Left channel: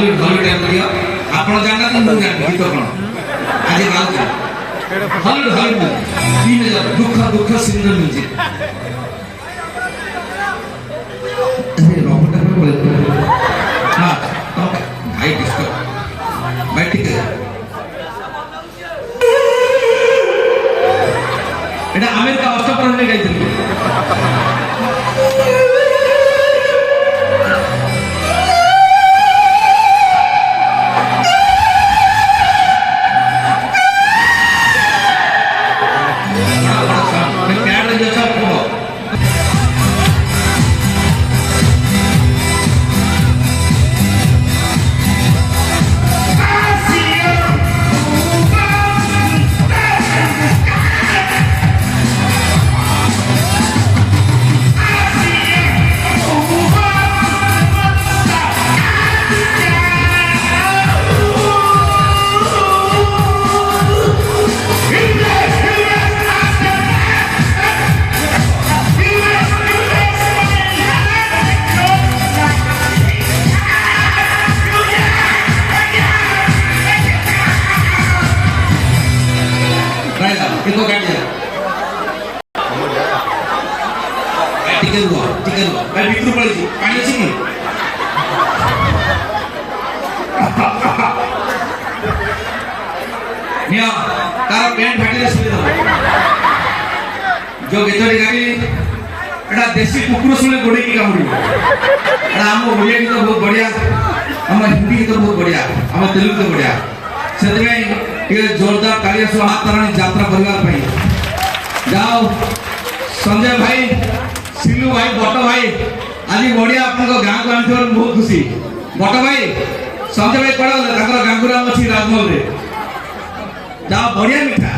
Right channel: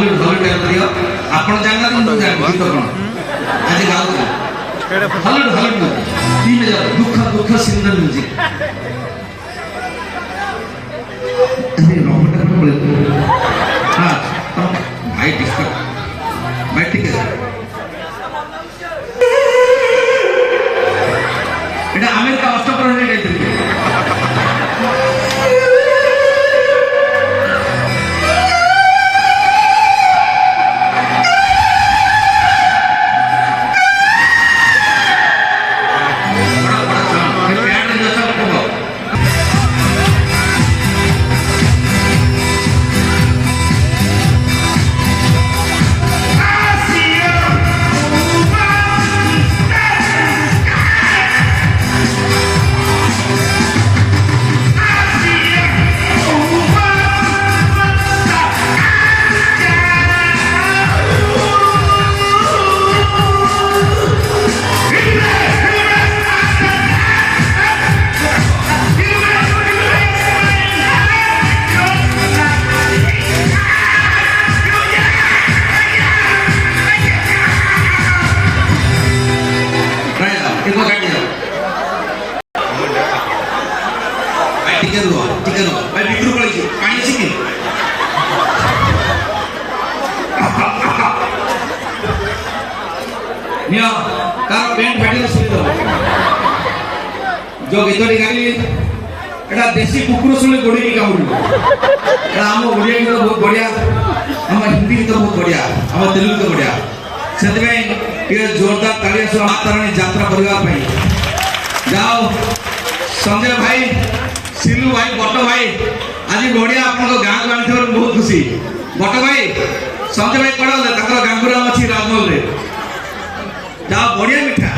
Hollywood type दियो आपण जानना तो जान गीत कोन आज गाउ हॉलीवुड 3000 दुख सिंगल म्यूजिक अरे रॉबर्ट में बोले हां भाई डिस्को भाई ठीक है এটা আমেরিকা অষ্টপ্রহরে গাইতেন टिकन मैं बिट्रू पड़ी छी पानी छी निया तारा पेंट फाटी सुनी जो गीतटी गाई एटा देसी कुकुर सुने गोड़ी की कामुड़ी एटा हम ओडिया गीत बहुत बढ़िया हम हिंदी गीत बहुत बढ़िया हम तेलुगु गीत बढ़िया सेते में ये जोरदार तालियां सह मातारानी यात्रा करबा पई जाओ संजय भाई सिलू भाई बट भाई आज बढ़िया आप गाँ को आनी बहुत खुशी बट भाई संजय भाई कौन गाँ को राजमहल जहाँ बढ़िया मिठा